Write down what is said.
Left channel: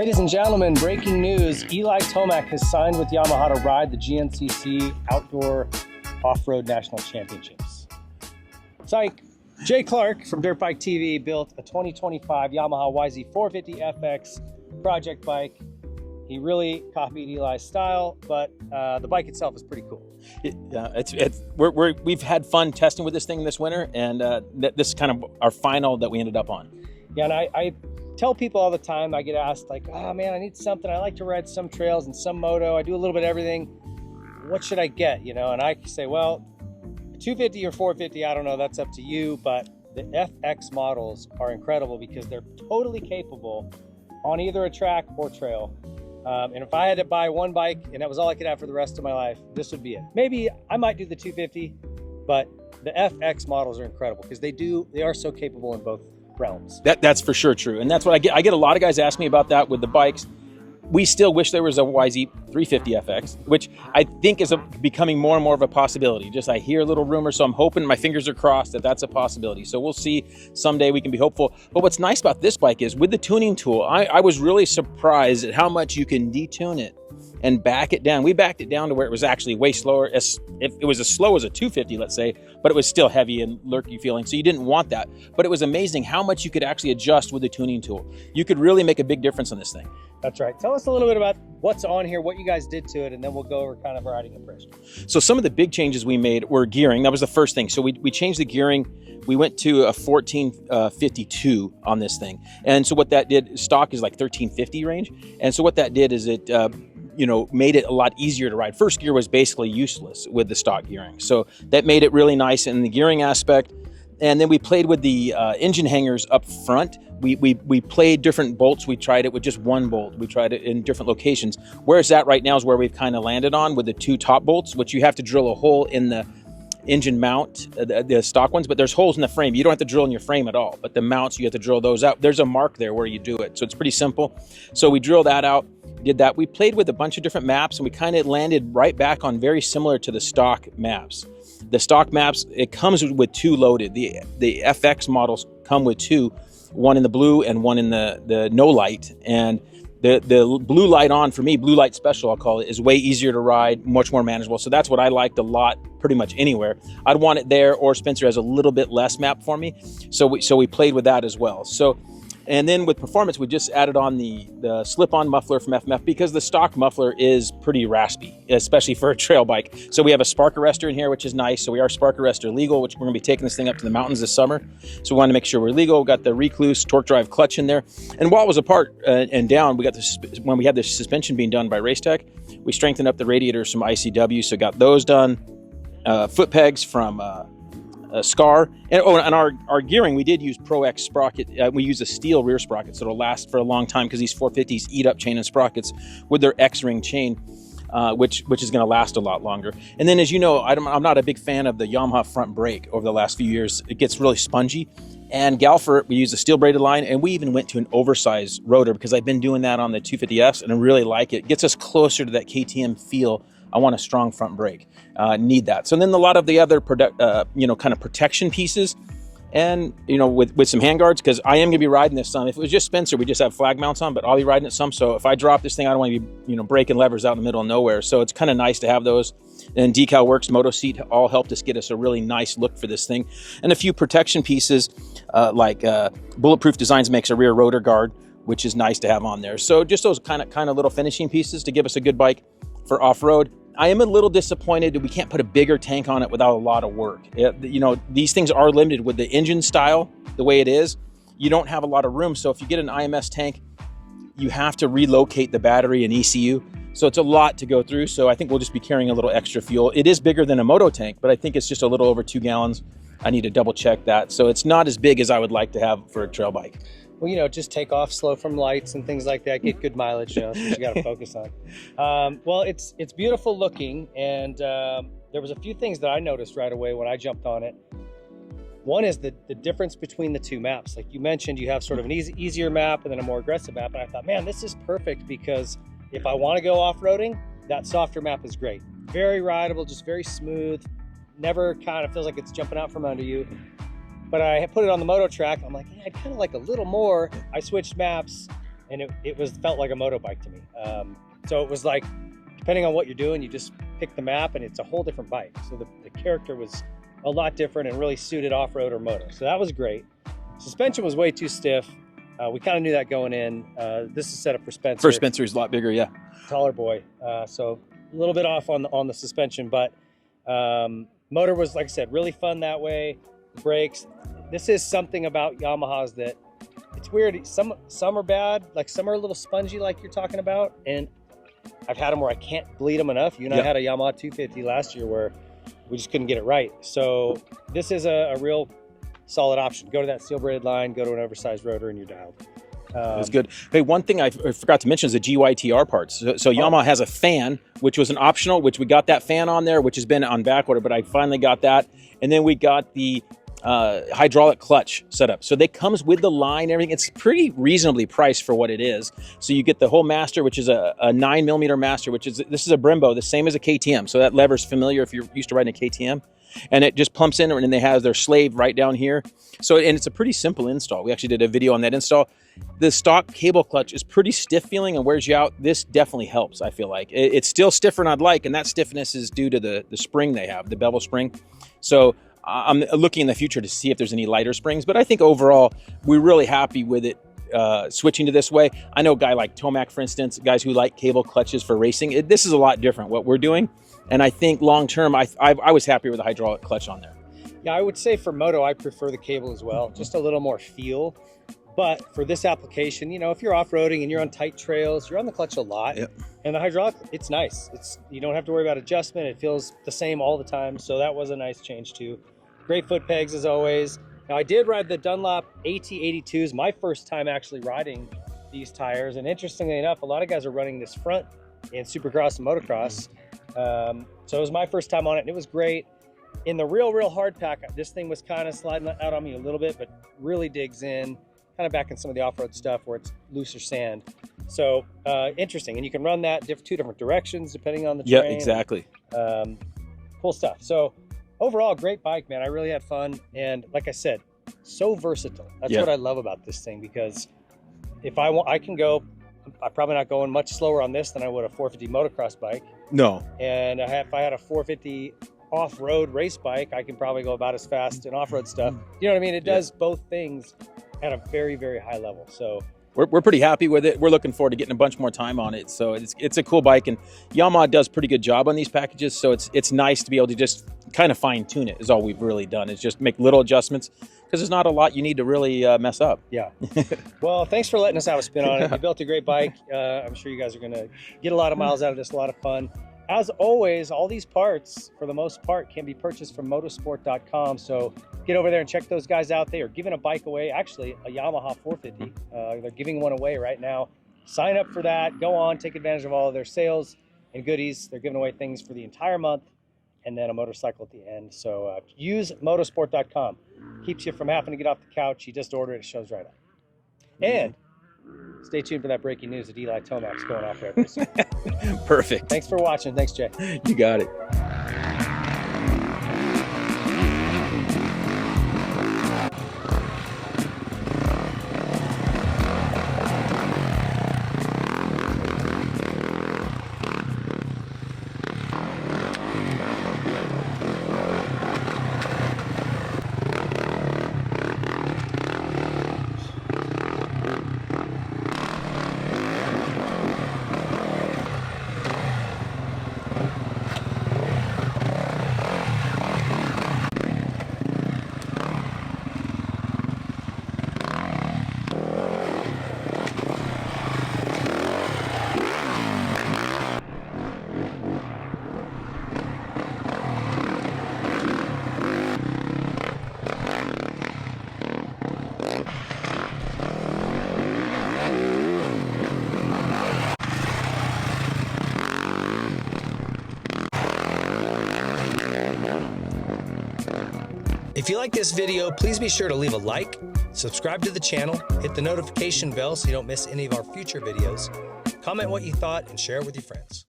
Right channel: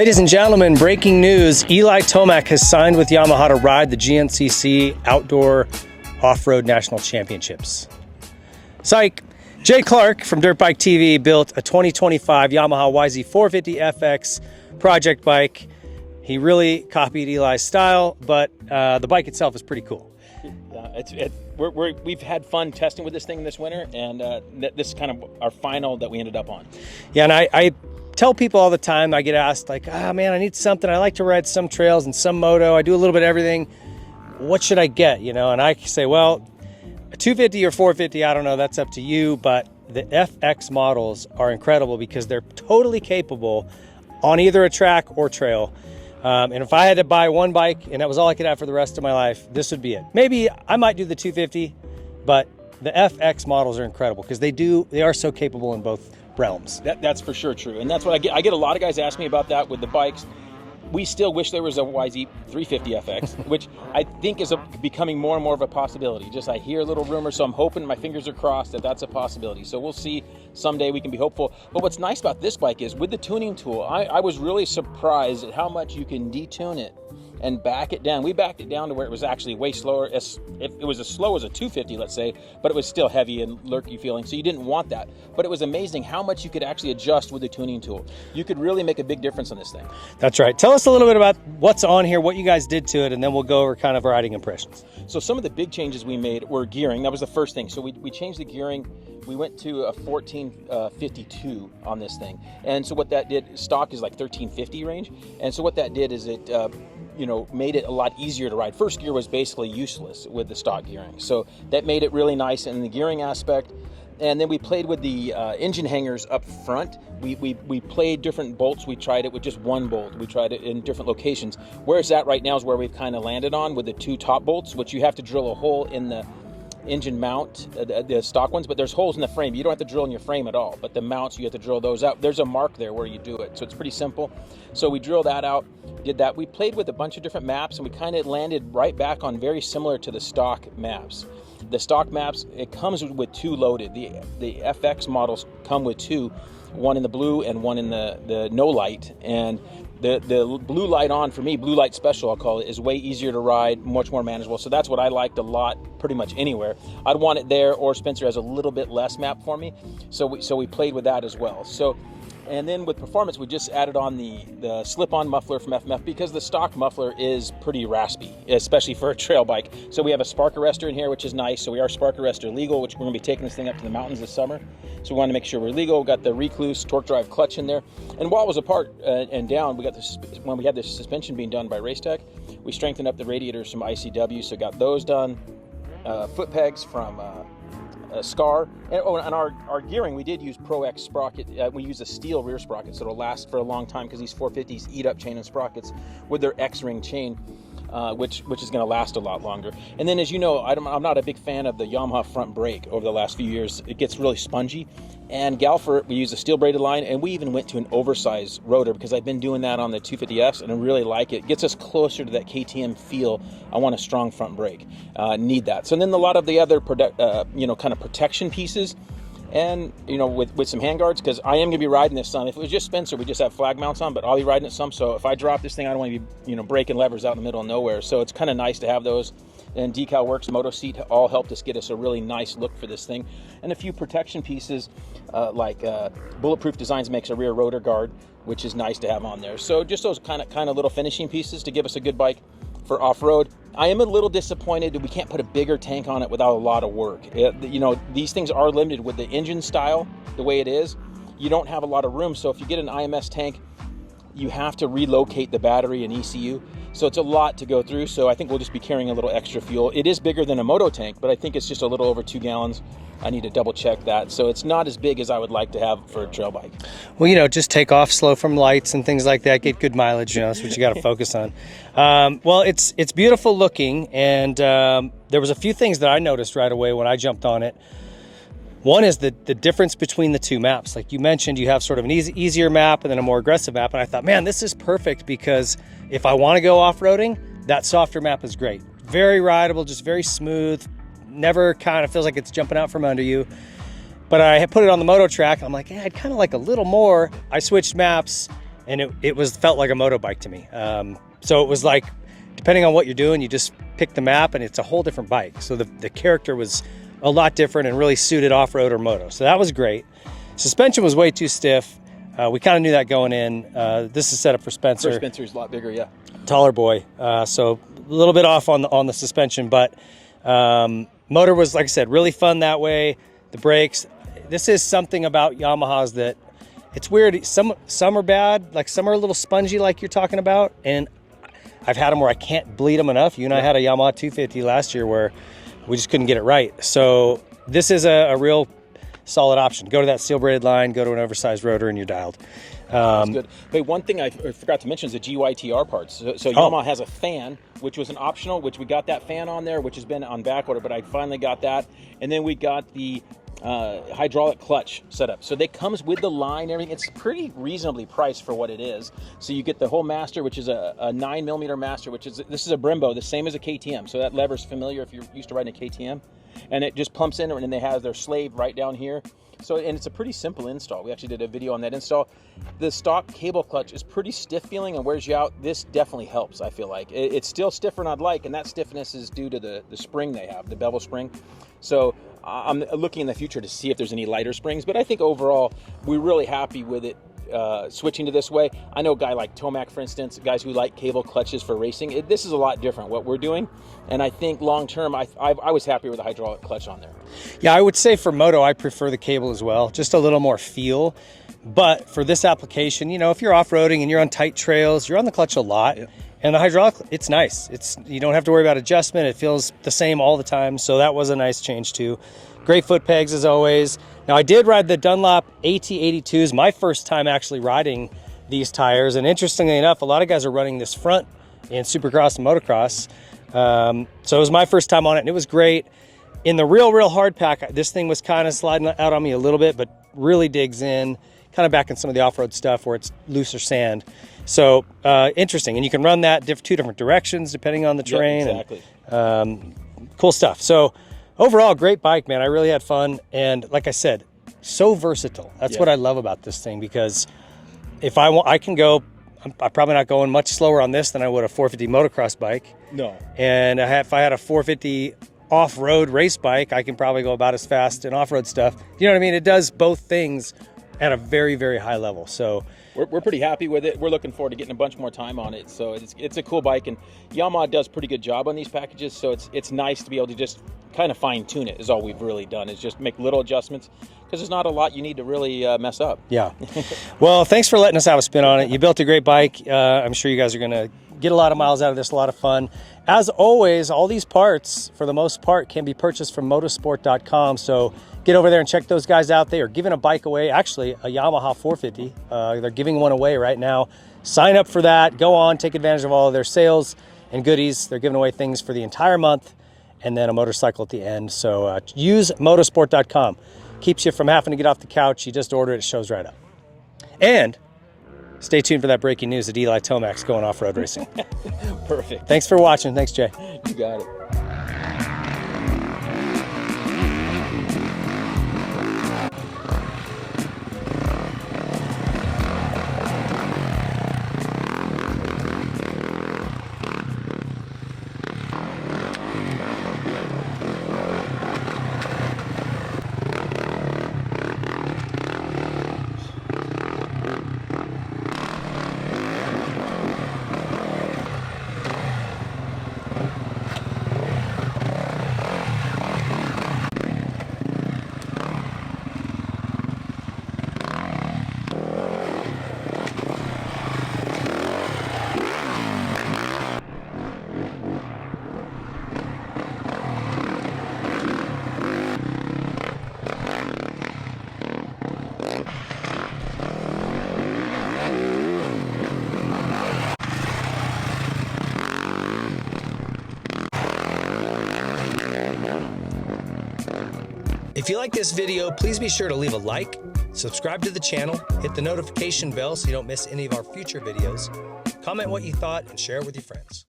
Ladies and gentlemen, breaking news. Eli Tomacs has signed with Yamaha to ride the GNCC Outdoor Off-Road National Championships. Psych! Jay Clark from Dirt Bike TV built a 2025 Yamaha YZ450FX project bike. He really copied Eli's style, but the bike itself is pretty cool. We've had fun testing with this thing this winter, and this is kind of our final that we ended up on. Yeah, and I tell people all the time, I get asked like, man, I need something. I like to ride some trails and some moto. I do a little bit of everything. What should I get? You know, and I say, well, a 250 or 450, I don't know, that's up to you, but the FX models are incredible because they're totally capable on either a track or trail. And if I had to buy one bike and that was all I could have for the rest of my life, this would be it. Maybe I might do the 250, but the FX models are incredible because they are so capable in both realms. That's for sure true. And that's what I get a lot of guys ask me about that with the bikes. We still wish there was a YZ350FX, which I think is becoming more and more of a possibility. Just I hear little rumors, so I'm hoping, my fingers are crossed that that's a possibility. So we'll see. Someday we can be hopeful. But what's nice about this bike is with the tuning tool, I was really surprised at how much you can detune it and back it down. We backed it down to where it was actually way slower. It was as slow as a 250, let's say, but it was still heavy and lurky feeling, so you didn't want that. But it was amazing how much you could actually adjust with the tuning tool. You could really make a big difference on this thing. That's right. Tell us a little bit about what's on here, what you guys did to it, and then we'll go over kind of riding impressions. So some of the big changes we made were gearing. That was the first thing. So we changed the gearing. We went to a 1452 on this thing. And so what that did, stock is like 1350 range. And so what that did is it made it a lot easier to ride. First gear was basically useless with the stock gearing. So that made it really nice in the gearing aspect. And then we played with the engine hangers up front. We played different bolts. We tried it with just one bolt. We tried it in different locations. Where it's at right now is where we've kind of landed on with the two top bolts, which you have to drill a hole in the engine mount, the stock ones, but there's holes in the frame. You don't have to drill in your frame at all, but the mounts, you have to drill those out. There's a mark there where you do it. So it's pretty simple. So we drilled that out, did that. We played with a bunch of different maps and we kind of landed right back on very similar to the stock maps. The stock maps, it comes with two loaded. The FX models come with two, one in the blue and one in the no light. And the blue light on, for me, blue light special, I'll call it, is way easier to ride, much more manageable. So that's what I liked a lot, pretty much anywhere. I'd want it there, or Spencer has a little bit less map for me. So we played with that as well. So, and then with performance, we just added on the slip-on muffler from FMF because the stock muffler is pretty raspy, especially for a trail bike. So we have a spark arrestor in here, which is nice. So we are spark arrestor legal, which we're gonna be taking this thing up to the mountains this summer. So we wanted to make sure we're legal. We got the Recluse torque drive clutch in there. And while it was apart and down, we got this, when we had the suspension being done by Racetech, we strengthened up the radiators from ICW. So got those done. Foot pegs from Scar, and our gearing, we did use Pro X sprocket. We use a steel rear sprocket, so it'll last for a long time because these 450s eat up chain and sprockets with their X-ring chain, which is going to last a lot longer. And then, as you know, I'm not a big fan of the Yamaha front brake over the last few years. It gets really spongy. And Galfer, we use a steel braided line, and we even went to an oversized rotor because I've been doing that on the 250S, and I really like it. It gets us closer to that KTM feel. I want a strong front brake. Need that. So then a lot of the other kind of protection pieces, and with some handguards, because I am gonna be riding this some. If it was just Spencer, we just have flag mounts on, but I'll be riding it some. So if I drop this thing, I don't want to be breaking levers out in the middle of nowhere. So it's kind of nice to have those. And Decal Works, Moto Seat all helped us get us a really nice look for this thing. And a few protection pieces, like Bulletproof Designs makes a rear rotor guard, which is nice to have on there. So just those kind of little finishing pieces to give us a good bike for off-road. I am a little disappointed that we can't put a bigger tank on it without a lot of work. These things are limited with the engine style, the way it is. You don't have a lot of room. So if you get an IMS tank, you have to relocate the battery and ECU. So it's a lot to go through. So I think we'll just be carrying a little extra fuel. It is bigger than a moto tank, but I think it's just a little over 2 gallons. I need to double check that. So it's not as big as I would like to have for a trail bike. Well, just take off slow from lights and things like that. Get good mileage, that's what you got to focus on. Well, it's beautiful looking. And there was a few things that I noticed right away when I jumped on it. One is the difference between the two maps. Like you mentioned, you have sort of an easier map and then a more aggressive map. And I thought, man, this is perfect because if I want to go off-roading, that softer map is great. Very rideable, just very smooth. Never kind of feels like it's jumping out from under you. But I put it on the moto track and I'm like, I'd kind of like a little more. I switched maps and it felt like a moto bike to me. So it was like, depending on what you're doing, you just pick the map and it's a whole different bike. So the character was a lot different and really suited off-road or moto. So that was great. Suspension was way too stiff. We kind of knew that going in. This is set up for Spencer. For Spencer, he's a lot bigger, yeah. Taller boy. So a little bit off on the suspension, but motor was, like I said, really fun that way. The brakes. This is something about Yamahas that it's weird. Some are bad, like some are a little spongy, like you're talking about, and I've had them where I can't bleed them enough. You and I had a Yamaha 250 last year where we just couldn't get it right. So this is a real solid option. Go to that steel braided line, go to an oversized rotor, and you're dialed. That's good. Hey, one thing I forgot to mention is the GYTR parts. So Yamaha has a fan, which was an optional, which we got that fan on there, which has been on back order, but I finally got that. And then we got the hydraulic clutch setup. So they comes with the line and everything. It's pretty reasonably priced for what it is. So you get the whole master, which is a 9mm master, this is a Brembo, the same as a KTM. So that lever's familiar if you're used to riding a KTM. And it just pumps in, and then they have their slave right down here. So, and it's a pretty simple install. We actually did a video on that install. The stock cable clutch is pretty stiff feeling and wears you out. This definitely helps, I feel like. It's still stiffer than I'd like, and that stiffness is due to the spring they have, the bevel spring. So I'm looking in the future to see if there's any lighter springs, but I think overall, we're really happy with it. Switching to this way. I know a guy like Tomac, for instance, guys who like cable clutches for racing. This is a lot different what we're doing, and I think long term, I was happier with the hydraulic clutch on there. Yeah, I would say for moto, I prefer the cable as well, just a little more feel. But for this application, you know, if you're off-roading and you're on tight trails, you're on the clutch a lot. Yep. And the hydraulic, it's nice. You don't have to worry about adjustment. It feels the same all the time. So that was a nice change too. Great foot pegs as always. Now I did ride the Dunlop AT82s, my first time actually riding these tires. And interestingly enough, a lot of guys are running this front in Supercross and motocross. So it was my first time on it and it was great. In the real hard pack, this thing was kind of sliding out on me a little bit, but really digs in, kind of back in some of the off-road stuff where it's looser sand. So interesting. And you can run that two different directions depending on the terrain. Yep, exactly. And, cool stuff. So overall, great bike, man. I really had fun. And like I said, so versatile. That's what I love about this thing, because if I can go, I'm probably not going much slower on this than I would a 450 motocross bike. No. And if I had a 450 off-road race bike, I can probably go about as fast in off-road stuff. You know what I mean? It does both things at a very, very high level. So we're pretty happy with it. We're looking forward to getting a bunch more time on it. So it's a cool bike, and Yamaha does a pretty good job on these packages. So it's nice to be able to just kind of fine tune it is all we've really done, is just make little adjustments, because there's not a lot you need to really mess up. Yeah. Well, thanks for letting us have a spin on it. You built a great bike. I'm sure you guys are going to get a lot of miles out of this, a lot of fun. As always, all these parts, for the most part, can be purchased from motorsport.com. So get over there and check those guys out. They are giving a bike away, actually a Yamaha 450. They're giving one away right now. Sign up for that. Go on, take advantage of all of their sales and goodies. They're giving away things for the entire month and then a motorcycle at the end. So use motorsport.com. Keeps you from having to get off the couch. You just order it, it shows right up. And stay tuned for that breaking news that Eli Tomacs going off-road racing. Perfect. Thanks for watching. Thanks, Jay. You got it. If you like this video, please be sure to leave a like, subscribe to the channel, hit the notification bell so you don't miss any of our future videos, comment what you thought, and share it with your friends.